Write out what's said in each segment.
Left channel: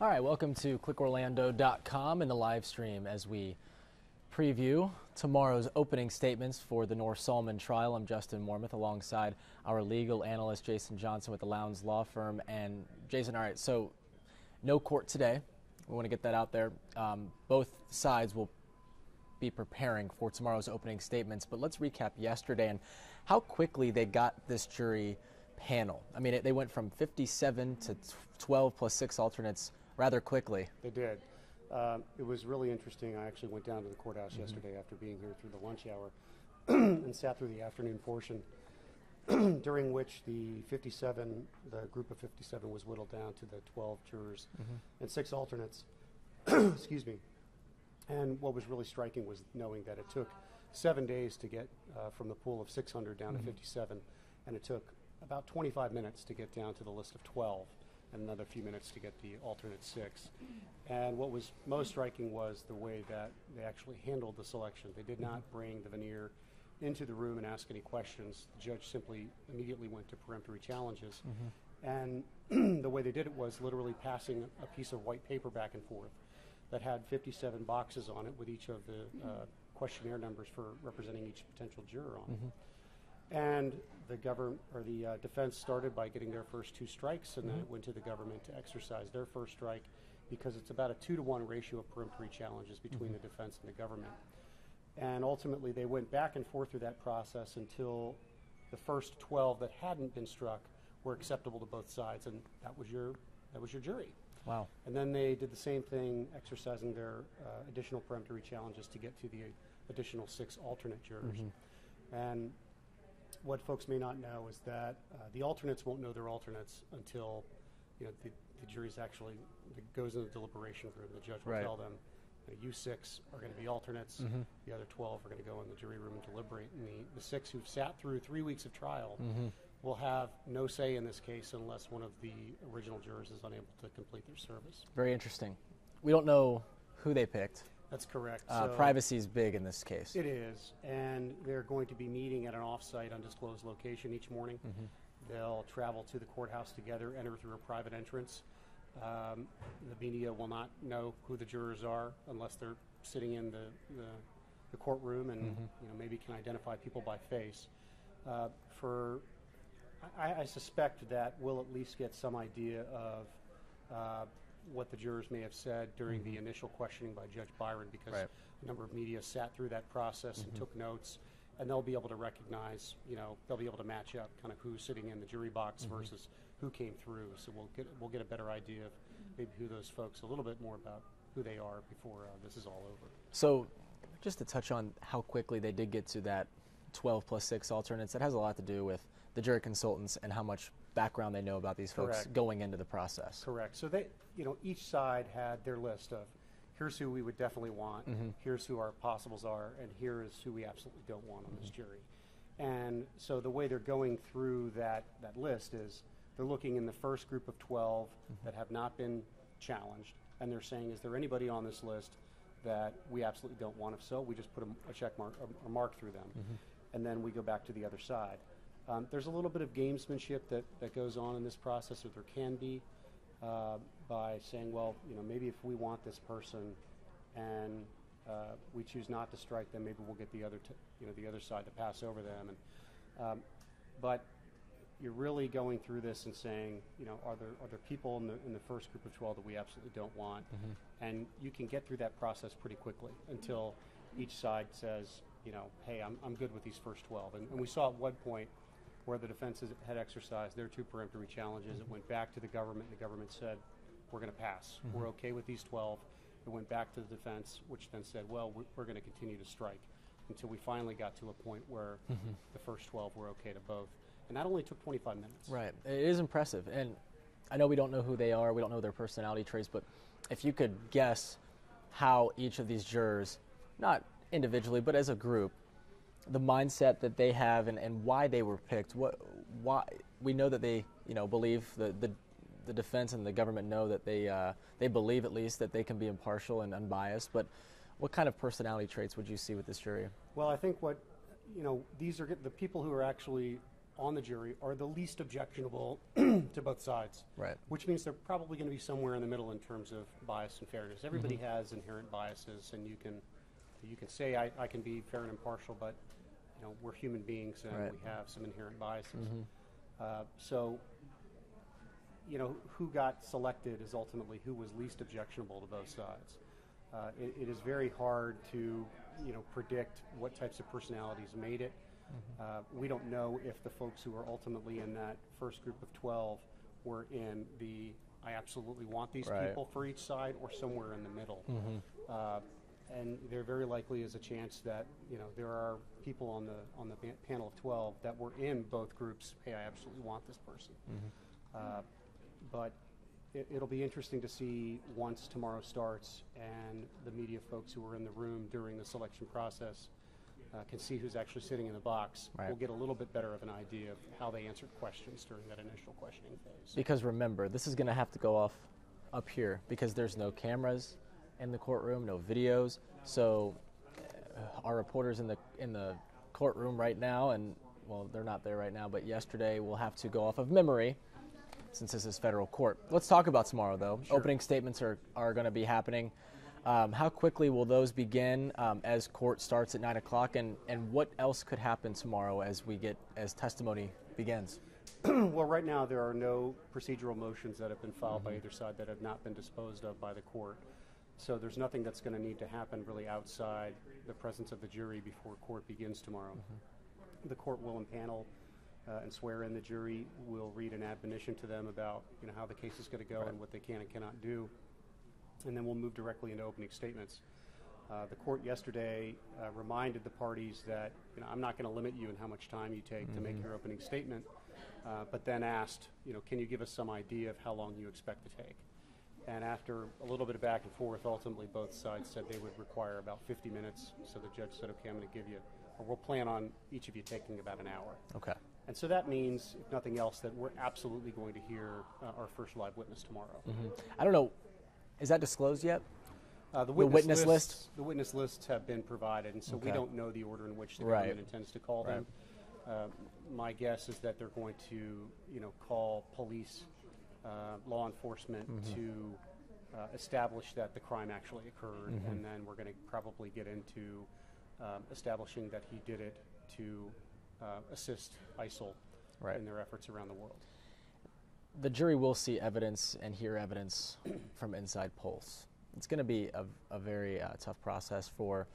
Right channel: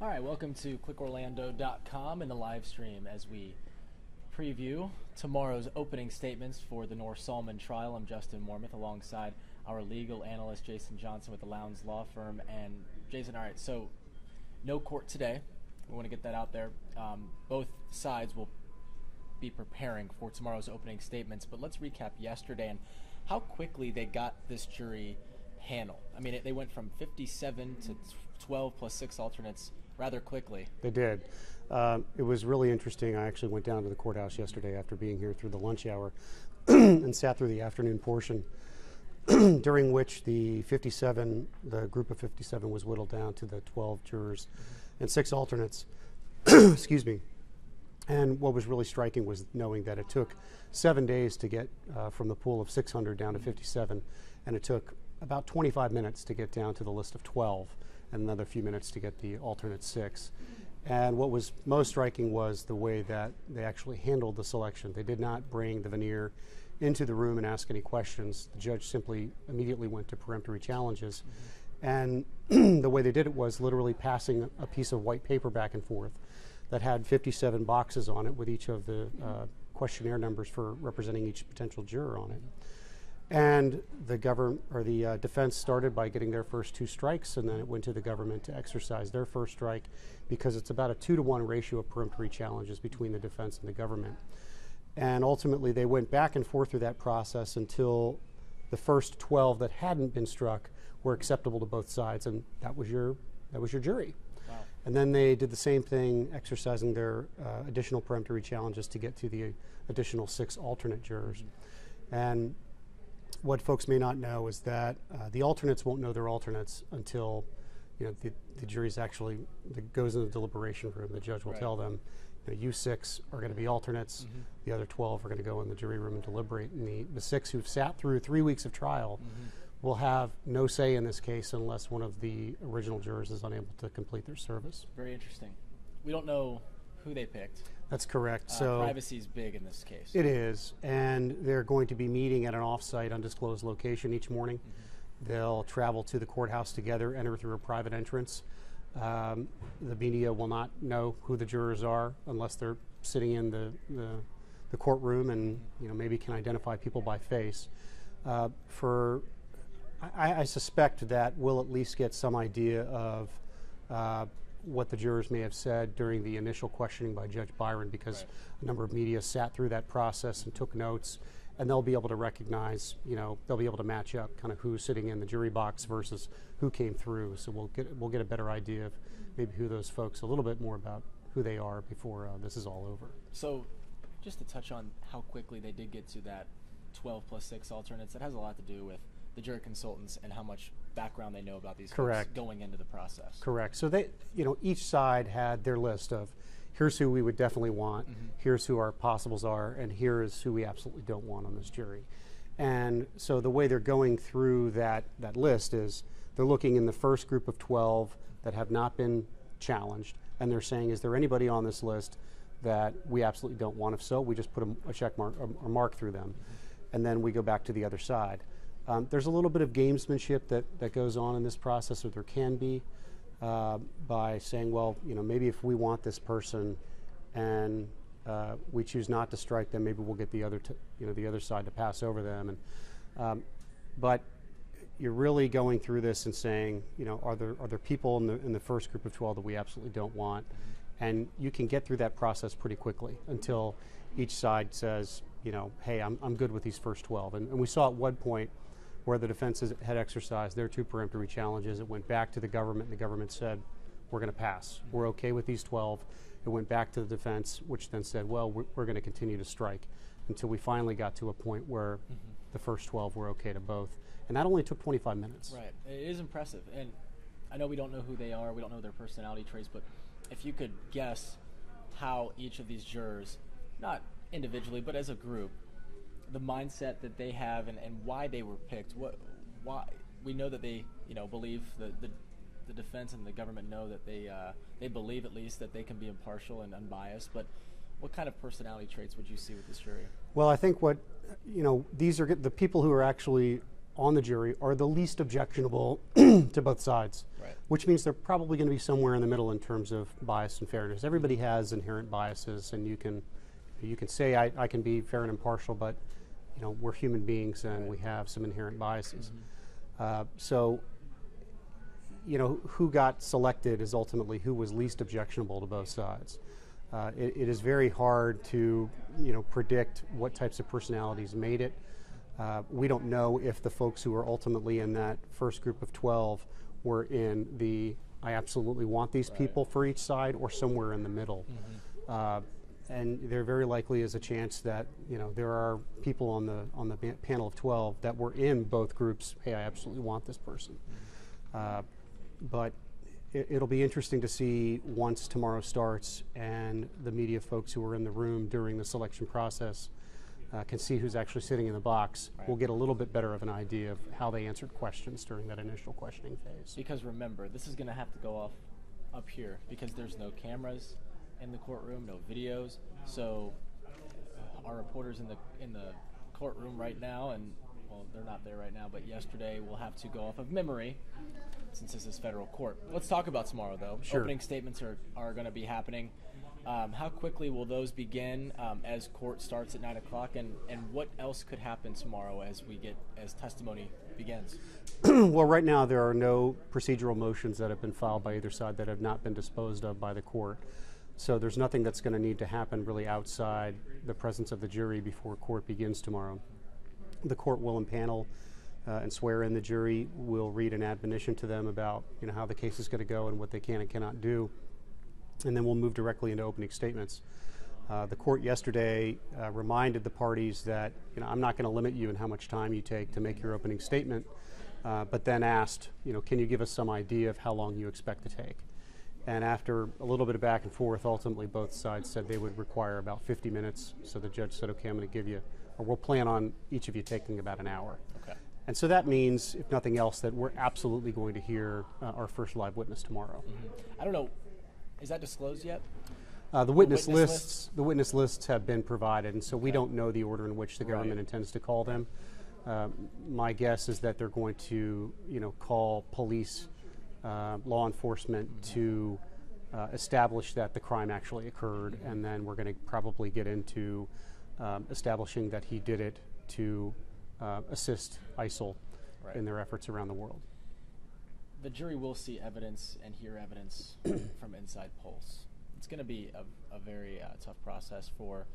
All right, welcome to clickorlando.com and the live stream as we preview tomorrow's opening statements for the Noor Salman trial. I'm Justin Mormouth alongside our legal analyst Jason Johnson with the Lowndes Law Firm. And Jason, all right, so no court today. We want to get that out there. Both sides will be preparing for tomorrow's opening statements, but let's recap yesterday and how quickly they got this jury panel. I mean, they went from 57 to 12 plus 6 alternates rather quickly. They did. It was really interesting. I actually went down to the courthouse yesterday after being here through the lunch hour and sat through the afternoon portion, during which the group of 57 was whittled down to the 12 jurors and 6 alternates. Excuse me. And what was really striking was knowing that it took 7 days to get from the pool of 600 down to 57, and it took about 25 minutes to get down to the list of 12, and another few minutes to get the alternate 6. And what was most striking was the way that they actually handled the selection. They did not bring the veneer into the room and ask any questions. The judge simply immediately went to peremptory challenges. And the way they did it was literally passing a piece of white paper back and forth that had 57 boxes on it with each of the questionnaire numbers for representing each potential juror on it. And the defense started by getting their first 2 strikes, and then it went to the government to exercise their first strike, because it's about a 2-to-1 ratio of peremptory challenges between the defense and the government. And ultimately, they went back and forth through that process until the first 12 that hadn't been struck were acceptable to both sides, and that was your jury. Wow. And then they did the same thing, exercising their additional peremptory challenges to get to the additional 6 alternate jurors. And what folks may not know is that the alternates won't know they're alternates until the jury's actually goes in the deliberation room. The judge will tell them, you 6 are going to be alternates, the other 12 are going to go in the jury room and deliberate. And the 6 who've sat through 3 weeks of trial will have no say in this case unless one of the original jurors is unable to complete their service. Very interesting. We don't know who they picked. That's correct. So privacy is big in this case. It is, and they're going to be meeting at an off-site, undisclosed location each morning. They'll travel to the courthouse together, enter through a private entrance. The media will not know who the jurors are unless they're sitting in the courtroom and maybe can identify people by face. I suspect that we'll at least get some idea of what the jurors may have said during the initial questioning by Judge Byron, because a number of media sat through that process and took notes, and they'll be able to recognize, they'll be able to match up kind of who's sitting in the jury box versus who came through. So we'll get a better idea of maybe who those folks, a little bit more about who they are before this is all over. So just to touch on how quickly they did get to that 12 plus 6 alternates, that has a lot to do with the jury consultants and how much background they know about these folks going into the process. Correct. So they, each side had their list of, here's who we would definitely want, here's who our possibles are, and here is who we absolutely don't want on this jury. And so the way they're going through that list is they're looking in the first group of 12 that have not been challenged, and they're saying, is there anybody on this list that we absolutely don't want? If so, we just put a check mark or mark through them, and then we go back to the other side. There's a little bit of gamesmanship that goes on in this process, or there can be, by saying, well, maybe if we want this person and we choose not to strike them, maybe we'll get the other side to pass over them. And but you're really going through this and saying, are there people in the first group of 12 that we absolutely don't want? And you can get through that process pretty quickly until each side says, hey, I'm good with these first 12. And we saw at one point where the defense had exercised their 2 peremptory challenges. It went back to the government, and the government said, we're going to pass. We're okay with these 12. It went back to the defense, which then said, well, we're going to continue to strike, until we finally got to a point where the first 12 were okay to both. And that only took 25 minutes. Right. It is impressive. And I know we don't know who they are, we don't know their personality traits, but if you could guess how each of these jurors, not individually, but as a group, the mindset that they have and why they were picked. Why we know that they believe the defense and the government know that they believe at least that they can be impartial and unbiased. But what kind of personality traits would you see with this jury? Well, I think these are the people who are actually on the jury are the least objectionable to both sides, Right. which means they're probably going to be somewhere in the middle in terms of bias and fairness. Everybody has inherent biases, and you can say I can be fair and impartial, but we're human beings and Right. we have some inherent biases. So who got selected is ultimately who was least objectionable to both sides. It is very hard to predict what types of personalities made it. We don't know if the folks who were ultimately in that first group of 12 were in the I absolutely want these Right. people for each side or somewhere in the middle. And there very likely is a chance that there are people on the panel of 12 that were in both groups. Hey, I absolutely want this person. But it'll be interesting to see once tomorrow starts and the media folks who were in the room during the selection process can see who's actually sitting in the box. Right. We'll get a little bit better of an idea of how they answered questions during that initial questioning phase. Because remember, this is going to have to go off up here because there's no cameras in the courtroom, no videos. So our reporters in the courtroom right now, and well, they're not there right now, but yesterday will have to go off of memory since this is federal court. Let's talk about tomorrow, though. Sure. Opening statements are going to be happening. How quickly will those begin as court starts at 9 o'clock, and what else could happen tomorrow as testimony begins? Well, right now there are no procedural motions that have been filed by either side that have not been disposed of by the court. So there's nothing that's going to need to happen really outside the presence of the jury before court begins tomorrow. The court will impanel and swear in the jury. We'll read an admonition to them about how the case is going to go and what they can and cannot do. And then we'll move directly into opening statements. The court yesterday reminded the parties that I'm not going to limit you in how much time you take to make your opening statement, but then asked, can you give us some idea of how long you expect to take? And after a little bit of back and forth, ultimately both sides said they would require about 50 minutes. So the judge said, okay, I'm going to give you, or we'll plan on each of you taking about an hour. Okay. And so that means, if nothing else, that we're absolutely going to hear our first live witness tomorrow. I don't know. Is that disclosed yet? The witness witness lists. The witness lists have been provided, and so we don't know the order in which the government Right. intends to call them. My guess is that they're going to, call police, law enforcement to establish that the crime actually occurred, and then we're going to probably get into establishing that he did it to assist ISIL Right. in their efforts around the world. The jury will see evidence and hear evidence from inside polls. It's going to be a very tough process for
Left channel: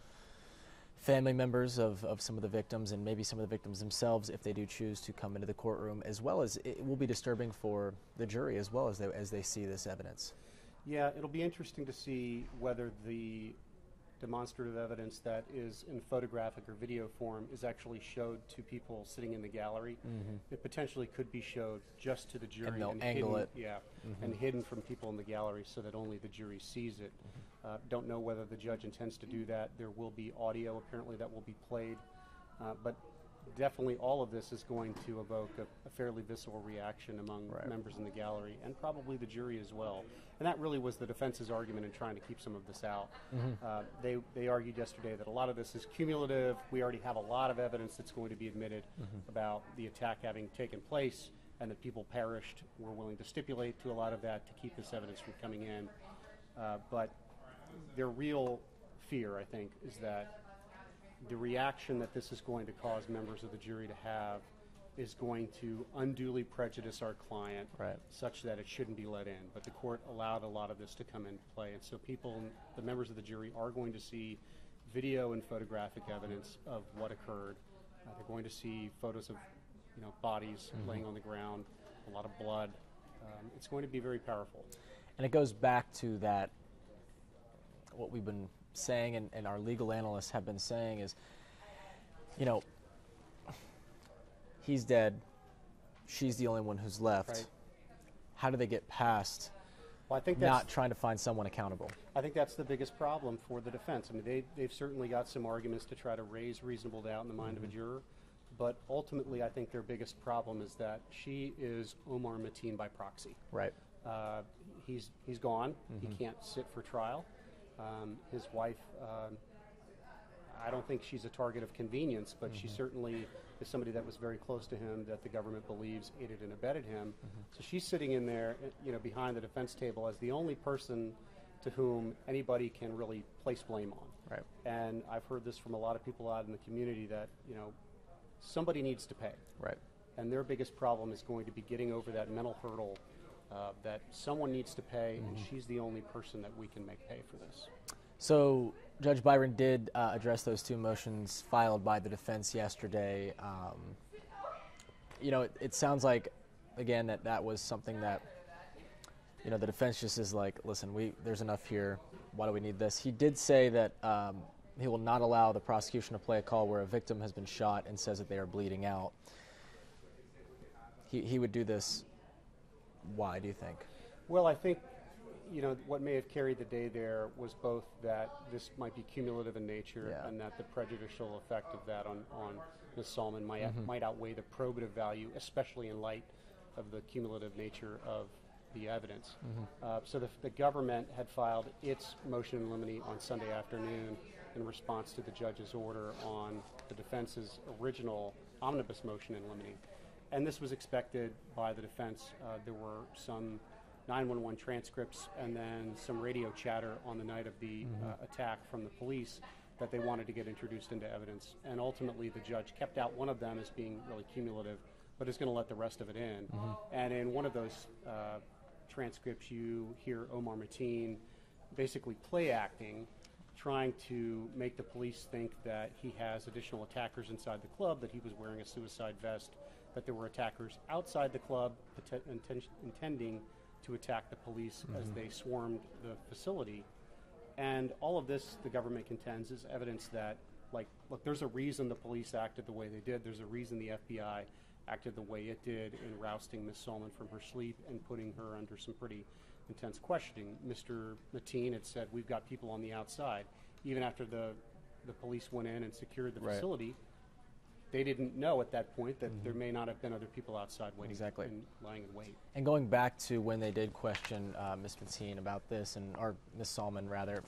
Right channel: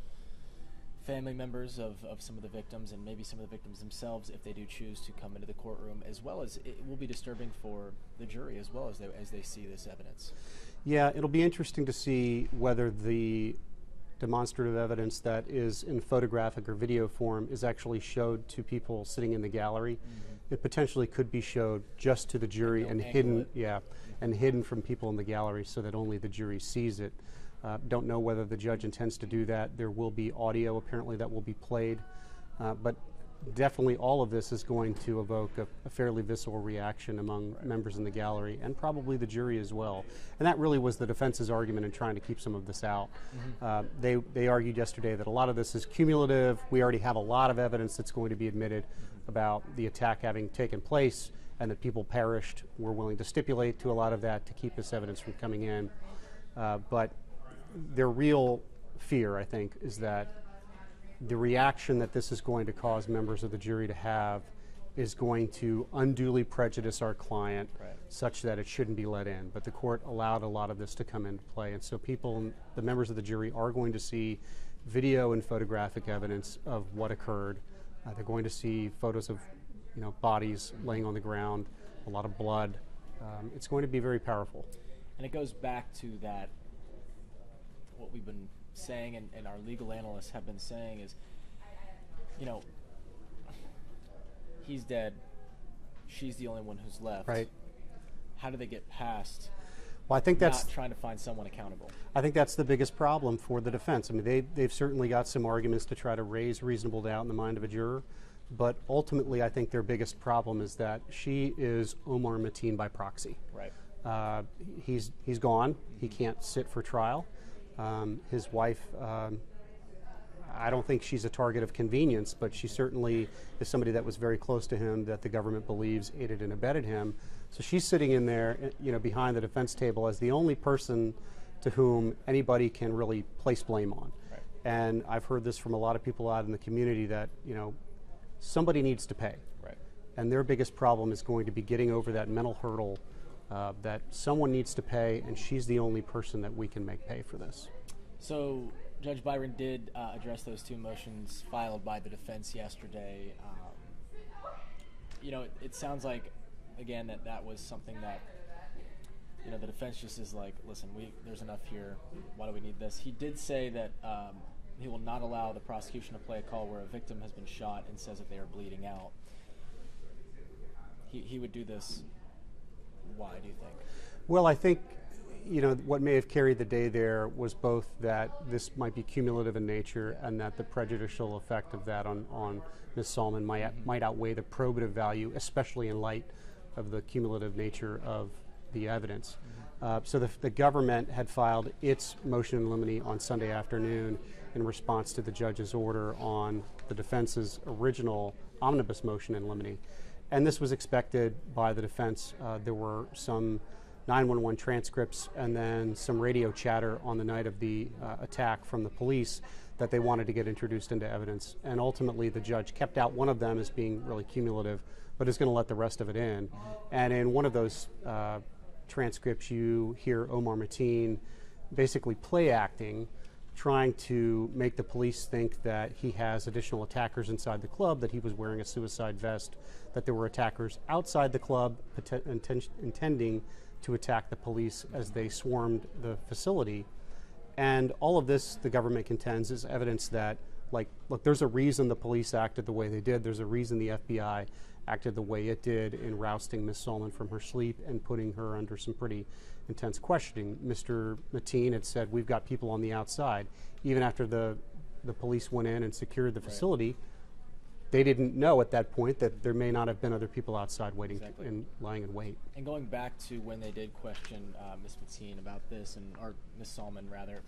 family members of some of the victims and maybe some of the victims themselves if they do choose to come into the courtroom, as well as it will be disturbing for the jury as well as they see this evidence. Yeah, it'll be interesting to see whether the demonstrative evidence that is in photographic or video form is actually showed to people sitting in the gallery. It potentially could be showed just to the jury and hidden, and hidden from people in the gallery so that only the jury sees it. Don't know whether the judge intends to do that. There will be audio apparently that will be played, but definitely all of this is going to evoke a fairly visceral reaction among members in the gallery and probably the jury as well. And that really was the defense's argument in trying to keep some of this out. They argued yesterday that a lot of this is cumulative. We already have a lot of evidence that's going to be admitted about the attack having taken place and that people perished. We're willing to stipulate to a lot of that to keep this evidence from coming in. But their real fear, I think, is that the reaction that this is going to cause members of the jury to have is going to unduly prejudice our client such that it shouldn't be let in. But the court allowed a lot of this to come into play. And so the members of the jury are going to see video and photographic evidence of what occurred. They're going to see photos of bodies laying on the ground, a lot of blood. It's going to be very powerful. And it goes back to that, what we've been saying and our legal analysts have been saying is, he's dead, she's the only one who's left. Right. How do they get past Well, I think that's not trying to find someone accountable? I think that's the biggest problem for the defense. I mean, they've certainly got some arguments to try to raise reasonable doubt in the mind of a juror, but ultimately I think their biggest problem is that she is Omar Mateen by proxy. Right. He's gone. He can't sit for trial. His wife, I don't think she's a target of convenience, but she certainly is somebody that was very close to him, that the government believes aided and abetted him. So she's sitting in there, behind the defense table as the only person to whom anybody can really place blame on. Right. And I've heard this from a lot of people out in the community that, somebody needs to pay. Right. And their biggest problem is going to be getting over that mental hurdle that someone needs to pay, and she's the only person that we can make pay for this. So Judge Byron did address those two motions filed by the defense yesterday. It sounds like, again, that was something that, the defense just is like, listen, there's enough here. Why do we need this? He did say that he will not allow the prosecution to play a call where a victim has been shot and says that they are bleeding out. He would do this. Why, do you think? Well, I think, what may have carried the day there was both that this might be cumulative in nature, and that the prejudicial effect of that on Ms. Salman might outweigh the probative value, especially in light of the cumulative nature of the evidence. So the government had filed its motion in limine on Sunday afternoon in response to the judge's order on the defense's original omnibus motion in limine. And this was expected by the defense. There were some 911 transcripts and then some radio chatter on the night of the attack from the police that they wanted to get introduced into evidence. And ultimately, the judge kept out one of them as being really cumulative, but is going to let the rest of it in. And in one of those transcripts, you hear Omar Mateen basically play acting, trying to make the police think that he has additional attackers inside the club, that he was wearing a suicide vest, that there were attackers outside the club intending to attack the police as they swarmed the facility. And all of this, the government contends, is evidence that, look, there's a reason the police acted the way they did. There's a reason the FBI acted the way it did in rousting Ms. Salman from her sleep and putting her under some pretty intense questioning. Mr. Mateen had said, we've got people on the outside. Even after the police went in and secured the facility, they didn't know at that point that there may not have been other people outside waiting and lying in wait. And going back to when they did question Ms. Mateen about this, or Ms. Salman rather,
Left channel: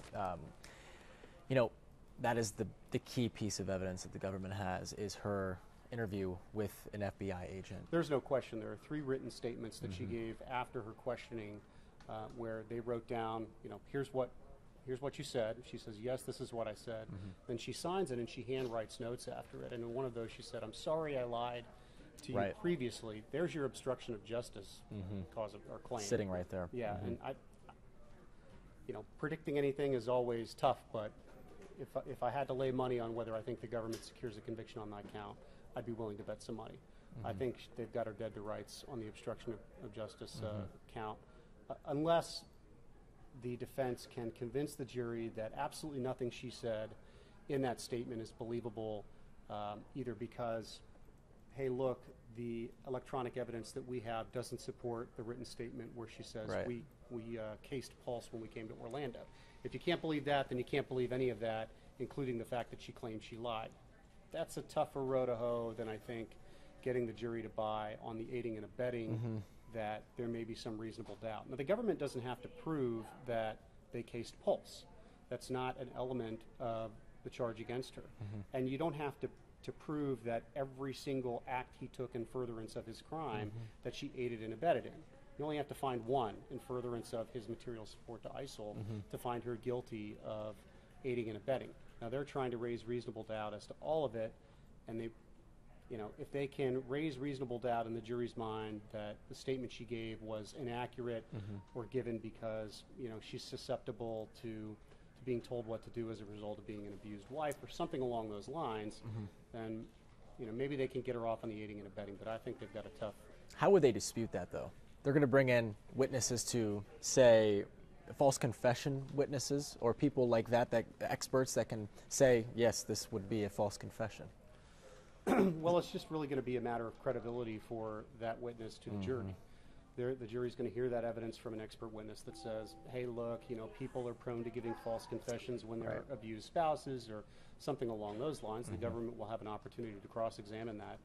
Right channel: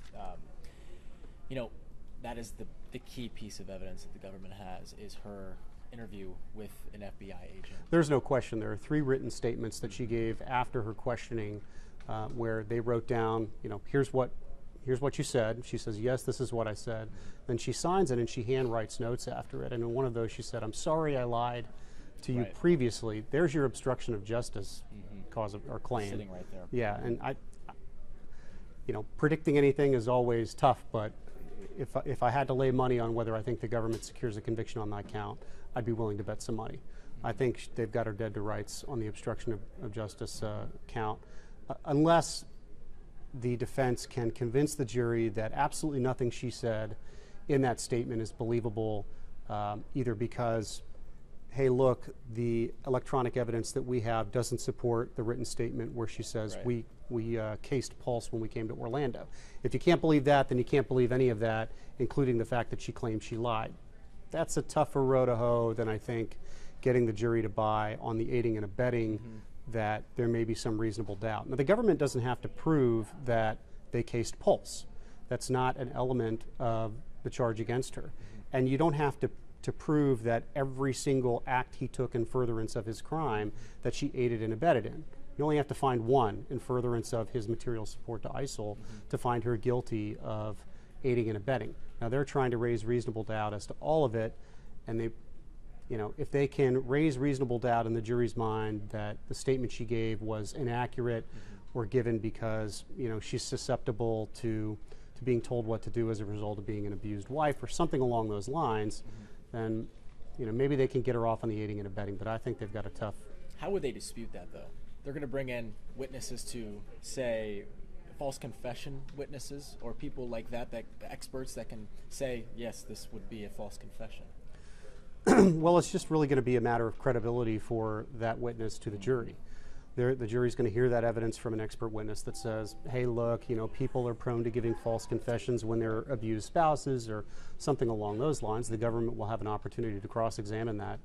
that is the key piece of evidence that the government has, is her interview with an FBI agent. There's no question. There are 3 written statements that she gave after her questioning, where they wrote down, here's what you said. She says, yes, this is what I said. Then she signs it and she handwrites notes after it. And in one of those she said, I'm sorry I lied to you previously. There's your obstruction of justice cause or claim. Sitting right there. Yeah, and predicting anything is always tough, but if I had to lay money on whether I think the government secures a conviction on that count, I'd be willing to bet some money. I think they've got her dead to rights on the obstruction of justice count, unless the defense can convince the jury that absolutely nothing she said in that statement is believable, either because, hey, look, the electronic evidence that we have doesn't support the written statement where she says we cased Pulse when we came to Orlando. If you can't believe that, then you can't believe any of that, including the fact that she claimed she lied. That's a tougher row to hoe than, I think, getting the jury to buy on the aiding and abetting that there may be some reasonable doubt. Now, the government doesn't have to prove that they cased Pulse. That's not an element of the charge against her. And you don't have to prove that every single act he took in furtherance of his crime that she aided and abetted in. You only have to find one in furtherance of his material support to ISIL to find her guilty of aiding and abetting. Now, they're trying to raise reasonable doubt as to all of it, and they, if they can raise reasonable doubt in the jury's mind that the statement she gave was inaccurate or given because, she's susceptible to being told what to do as a result of being an abused wife or something along those lines, then, maybe they can get her off on the aiding and abetting, but I think they've got a tough... How would they dispute that, though? They're going to bring in witnesses to, say, false confession witnesses, or people like that, experts that can say, yes, this would be a false confession. Well, it's just really going to be a matter of credibility for that witness to the jury. The jury's going to hear that evidence from an expert witness that says, hey, look, people are prone to giving false confessions when they're abused spouses or something along those lines. The government will have an opportunity to cross-examine that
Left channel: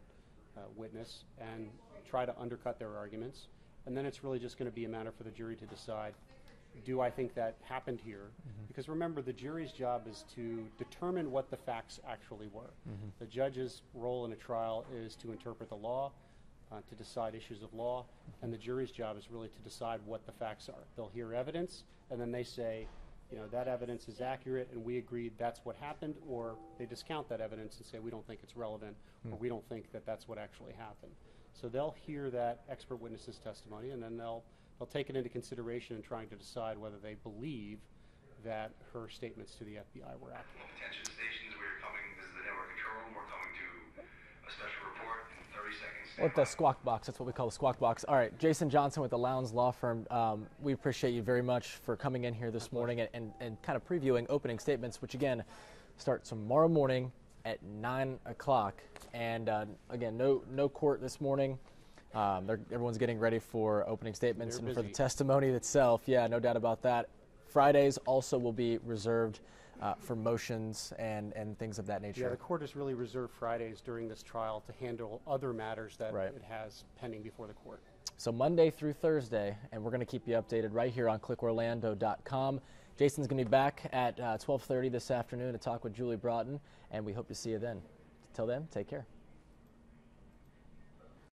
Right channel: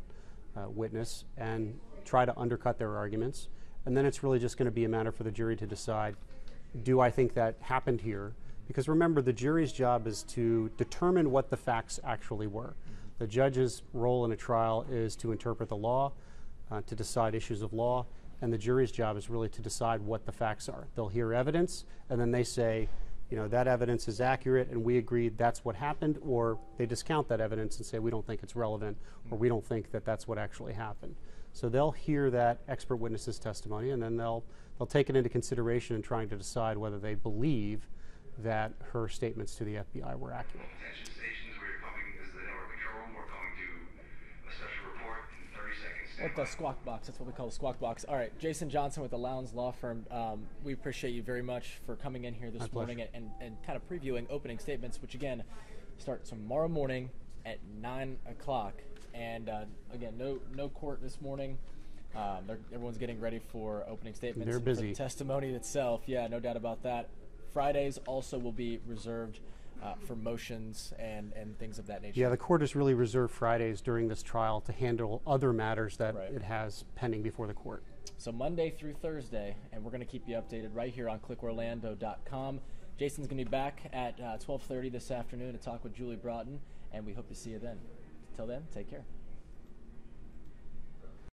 witness and try to undercut their arguments. And then it's really just going to be a matter for the jury to decide, do I think that happened here? Because remember, the jury's job is to determine what the facts actually were. The judge's role in a trial is to interpret the law, to decide issues of law, and the jury's job is really to decide what the facts are. They'll hear evidence, and then they say, you know, that evidence is accurate and we agree that's what happened, or they discount that evidence and say we don't think it's relevant, or we don't think that that's what actually happened. So they'll hear that expert witness's testimony, and then they'll take it into consideration in trying to decide whether they believe that her statements to the FBI were accurate. Attention stations, we're coming, this is the network control room, we're coming to a special report in 30 seconds. With the squawk box, that's what we call the squawk box. All right, Jason Johnson with the Lowndes Law Firm. We appreciate you very much for coming in here this morning and kind of previewing opening statements, which again start tomorrow morning at 9 o'clock. And again, no court this morning. Everyone's getting ready for opening statements and for the testimony itself. Yeah, no doubt about that. Fridays also will be reserved for motions and things of that nature. Yeah, the court has really reserved Fridays during this trial to handle other matters that it has pending before the court. So Monday through Thursday, and we're going to keep you updated right here on clickorlando.com. Jason's going to be back at 12:30 this afternoon to talk with Julie Broughton, and we hope to see you then. Till then, take care.